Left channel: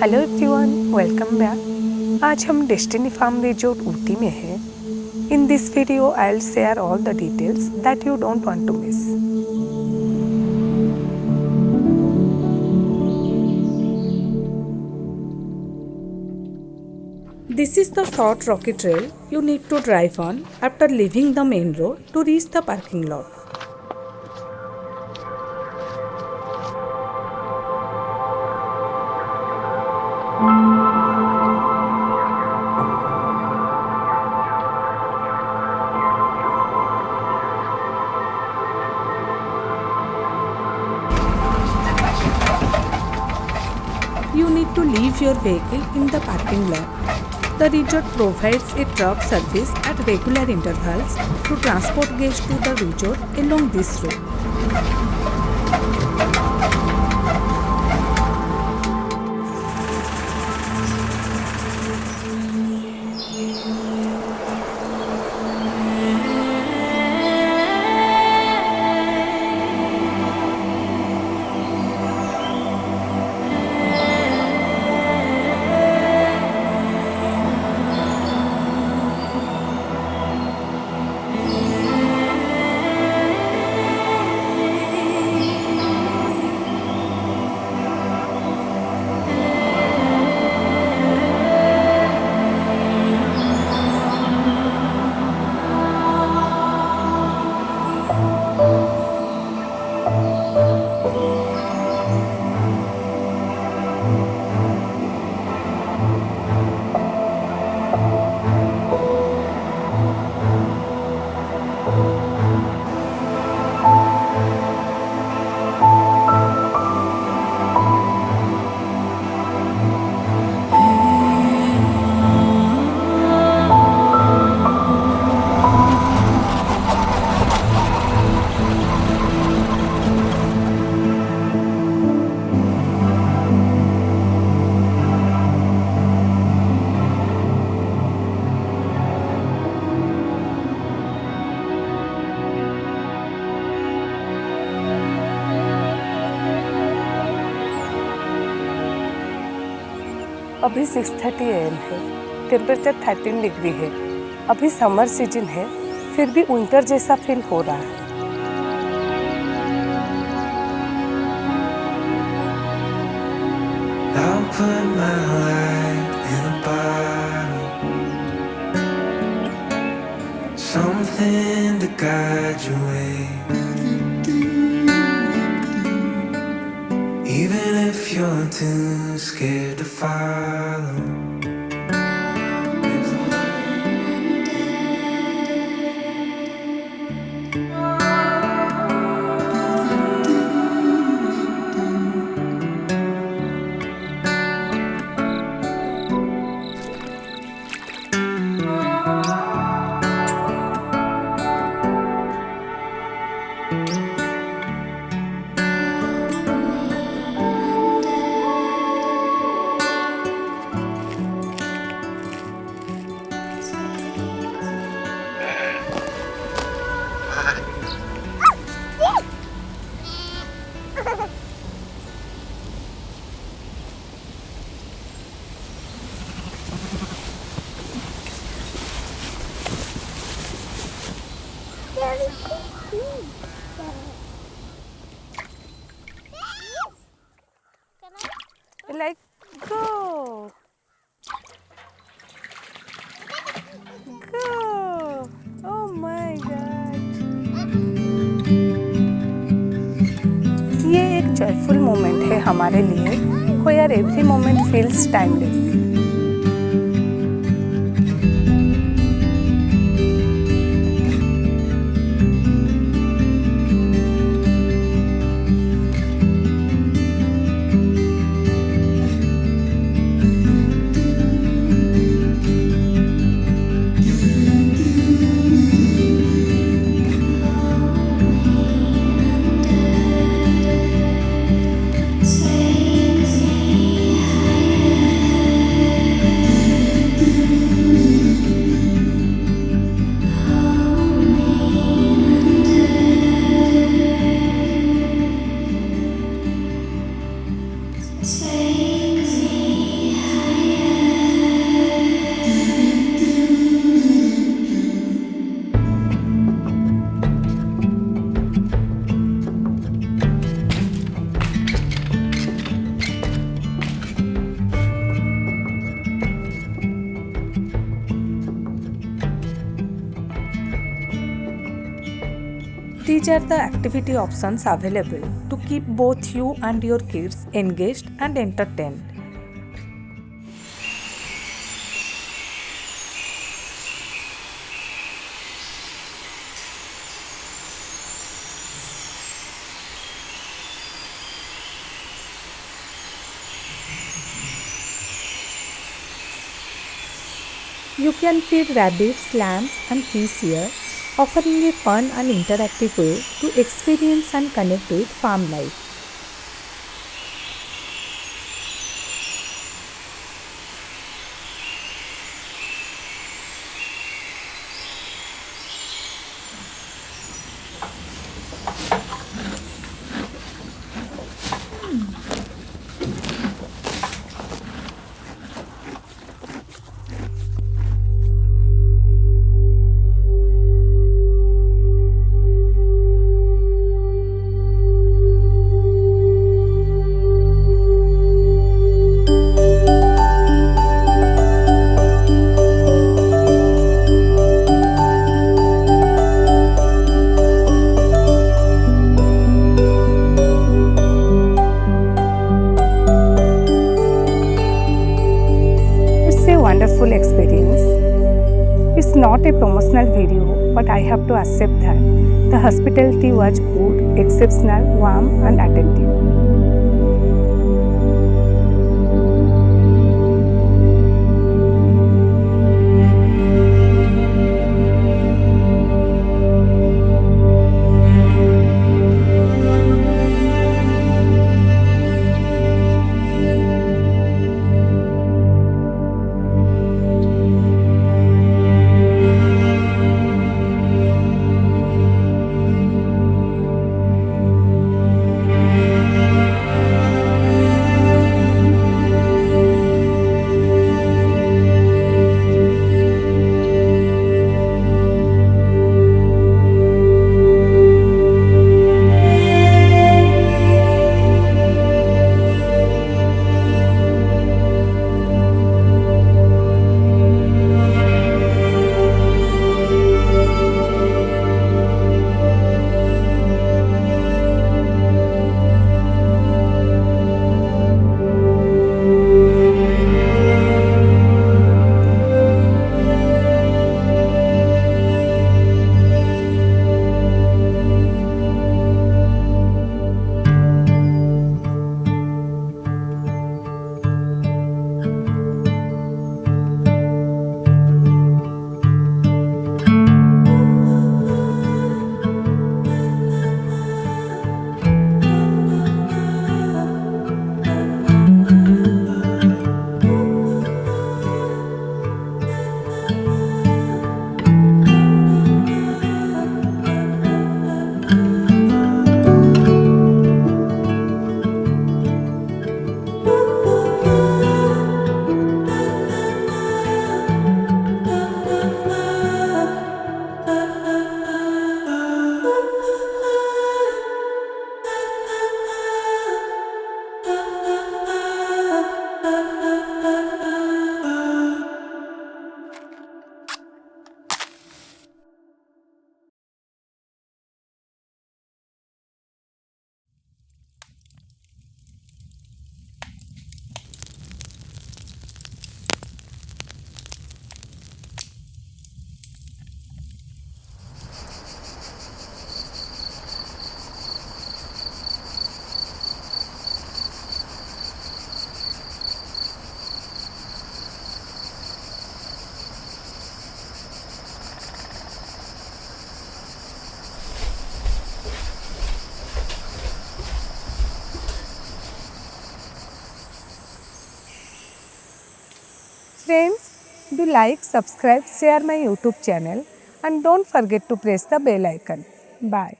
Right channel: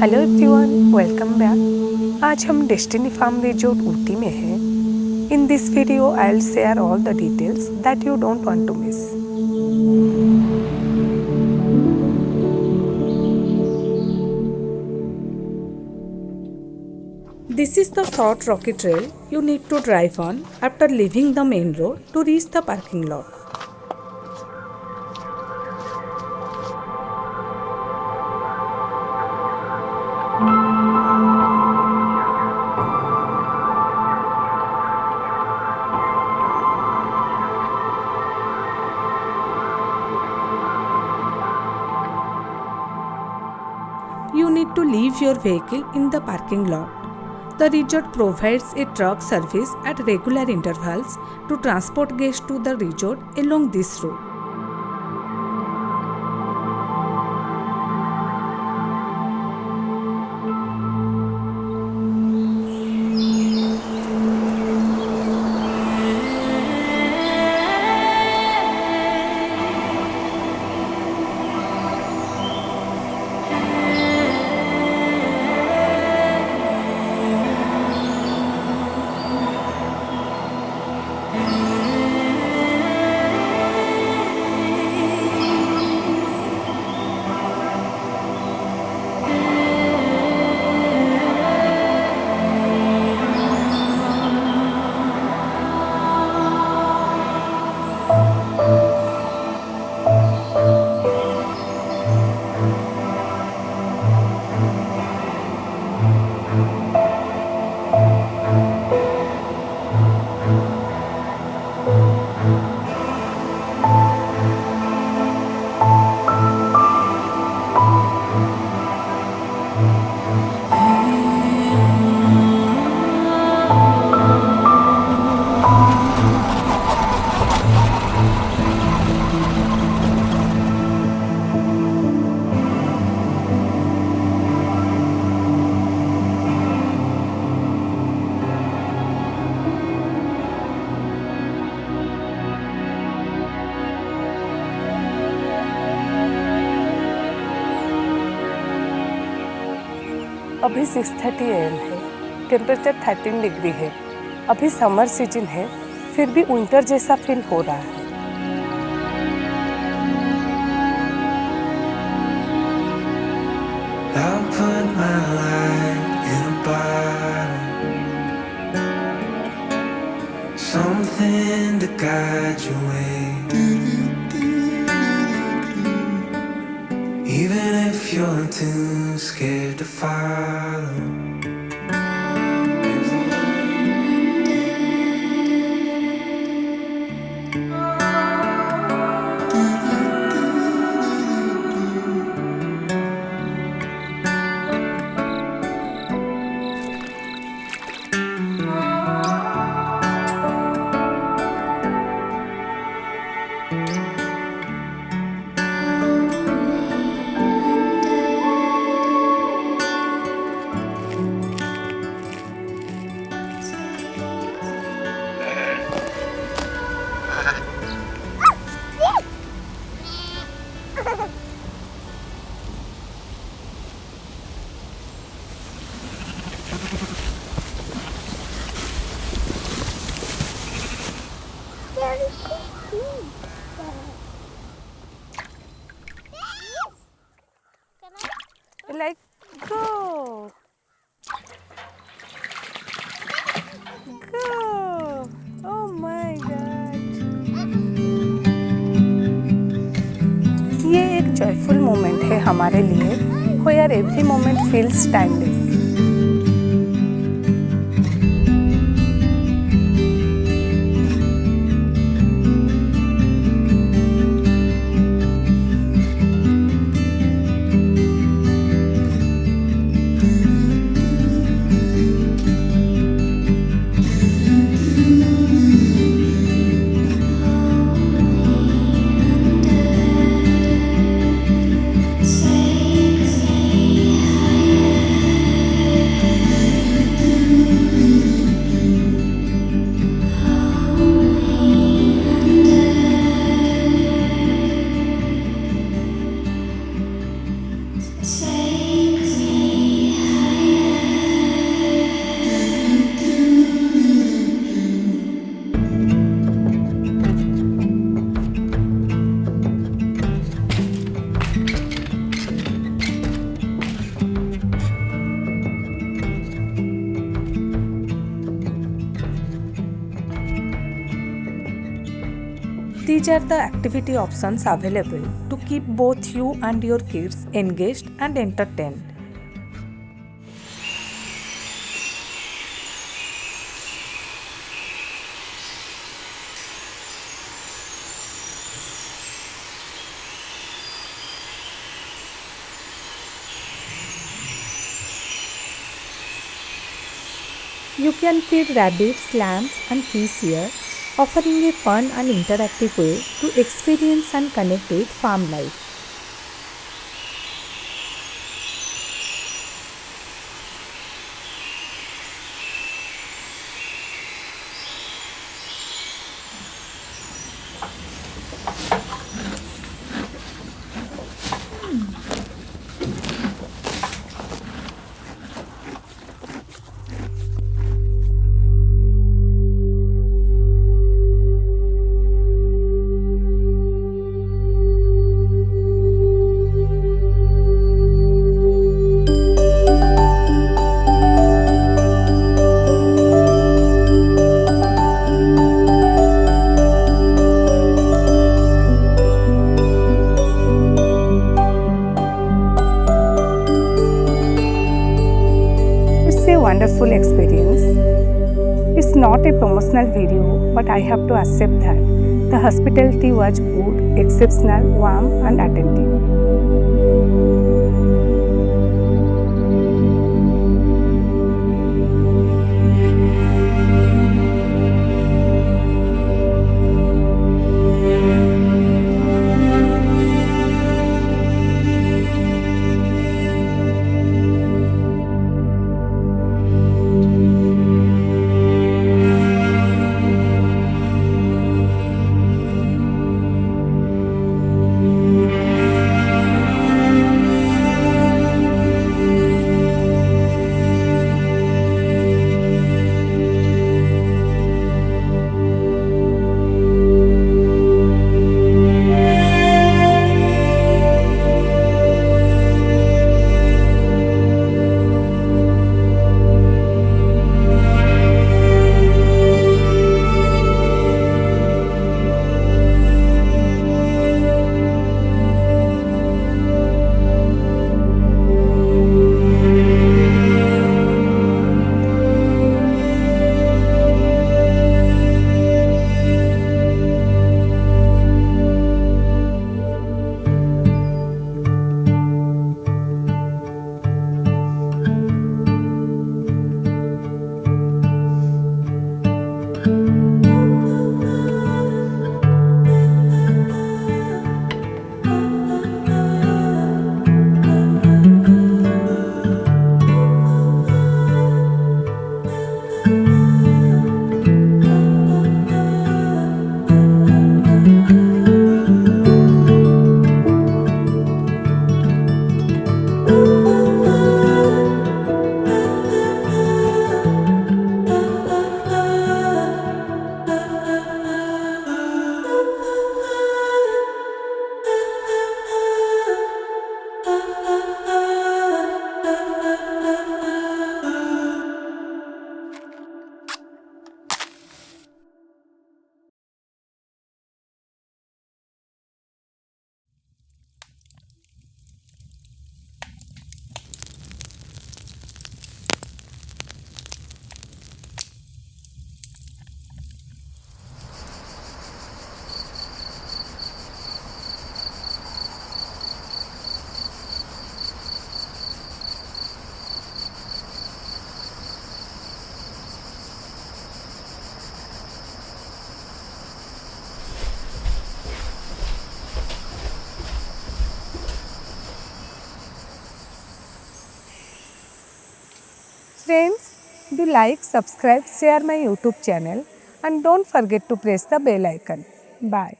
Hello everyone, welcome back. आज हम destiny farm resort Ooty में हैं। In this video I will share all the details that you don't want to miss. This is the short rocky trail you need to drive on after leaving the main road to reach the parking lot. You need to leave your vehicle in the parking lot. The resort provides a truck service at regular intervals to transport guests to the resort along this route. अभी 6:30 AM है। Temperature 13 degree है। अभी summer season है, फिर भी winter जैसा feel हो रहा है। I'll put my life in a bottle, something to guide your way. Even if you're too scared to follow, there's a light. Like go, go. Oh my God. ये एक joyful moment है हमारे लिए, where every moment feels timeless. Take me These are the activity options available to keep both you and your kids engaged and entertained. You can feed rabbits, lambs, and fish here, offering a fun and interactive way to experience and connect with farm life. It's a wonderful experience. It's not a promotional video, but I have to accept that the hospitality was good, exceptional, warm, and attentive. Friends, do like, subscribe, share my YouTube channel and don't forget to press the bell icon. Bye.